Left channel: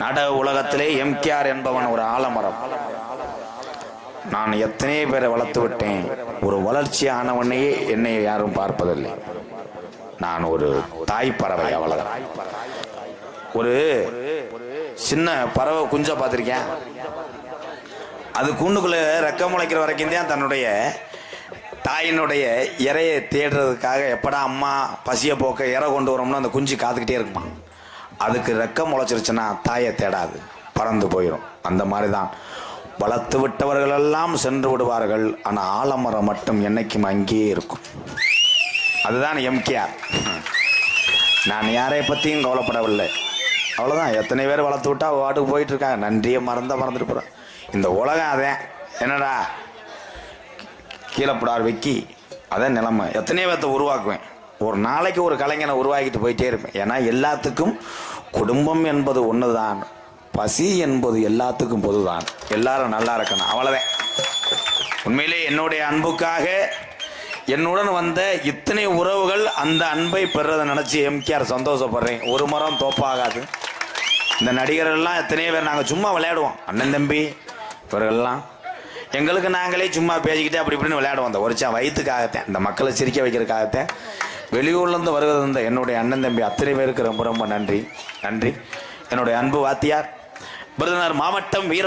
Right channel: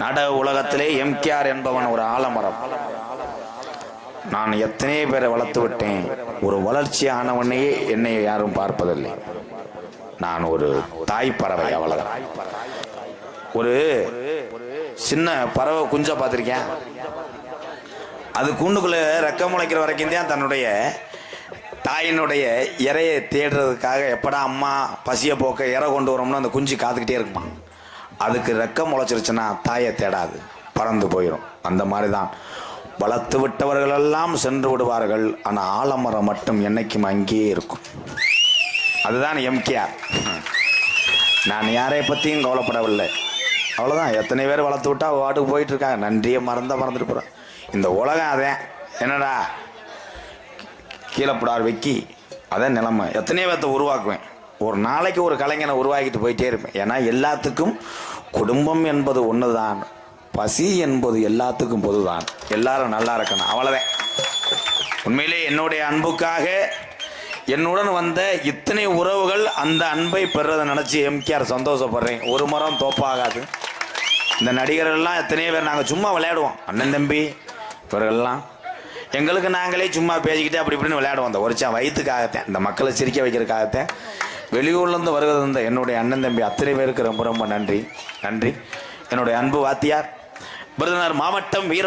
நாடக உலகத்திலே எம்கேஆர் என்பவன் ஒரு ஆலமரம். நான் எத்தனை பேரை வளர்த்து விட்டேன். ஒரு வளர்ச்சியானவனையே என்னை யாரும் பார்ப்பதில்லை. நான் ஒரு தாய் பறவை, அவ்வளவுதான். ஒரு சின்ன பறவை குஞ்ச பார்த்திருக்கேன். அது கூண்டுக்குள்ள ரெக்க முளைக்கிற வரைக்கும் தான் தன்னுடைய தாயினுடைய இறையை தேடுறதுக்காக எப்படா அம்மா பசிய போக்க இறை கொண்டு வரோம்னு அந்த குஞ்சு காத்துக்கிட்டே இருக்குமா. அதுக்கு ரெக்க முளைச்சிருச்சுன்னா தாயை தேடாது, பறந்து போயிடும். அந்த மாதிரி தான் வளர்த்து விட்டவர்கள் எல்லாம் சென்று விடுவார்கள். ஆனால் ஆலமரம் மட்டும் என்னைக்கும் அங்கேயே இருக்கும். அதுதான் எம்கேஆர். நான் யாரை பற்றியும் கவலைப்படவில்லை, அவ்வளோதான். எத்தனை பேர் வளர்த்து விட்டா வாட்டுக்கு போயிட்டு இருக்காங்க. நன்றியை மறந்துட்டு போகிறேன். இந்த உலகம் அதேன். என்னடா கீழப்படார் வைக்கி, அதான் நிலைமை. எத்தனையோ பேர்த்தை உருவாக்குவேன். ஒரு நாளைக்கு ஒரு கலைஞனை உருவாக்கிட்டு போயிட்டே இருப்பேன். ஏன்னா எல்லாத்துக்கும் குடும்பம் என்பது ஒன்று தான், பசி என்பது எல்லாத்துக்கும் பொதுதான். எல்லாரும் நல்லா இருக்கணும், அவ்வளோதான். உண்மையிலே என்னுடைய அன்புக்காக என்னுடன் வந்த இத்தனை உறவுகள் அந்த அன்பை பெறதை நினச்சி எம்கேஆர் சந்தோஷப்படுறேன். ஒரு மரம் தோப்பாகாது. இந்த நடிகர்கள்லாம் எத்தனையோ பேர் நாங்கள் சும்மா விளையாடுவோம். அண்ணன் தம்பி இவர்கள்லாம் எங்களுக்கு நாங்களே சும்மா பேசிக்கிட்டு அப்படி இப்படின்னு விளையாடுவோம். அந்த ஒருச்சா வயிற்றுக்காகத்தேன், இந்த மக்களை சிரிக்க வைக்கிறதுக்காகத்தேன். வெளியூர்லேருந்து வருகிறது இந்த என்னுடைய அண்ணன் தம்பி அத்தனை பேருக்கு ரொம்ப ரொம்ப நன்றி. என்னுடைய அன்பு வாத்தியார் விருதுநகர் மாவட்டம் வீர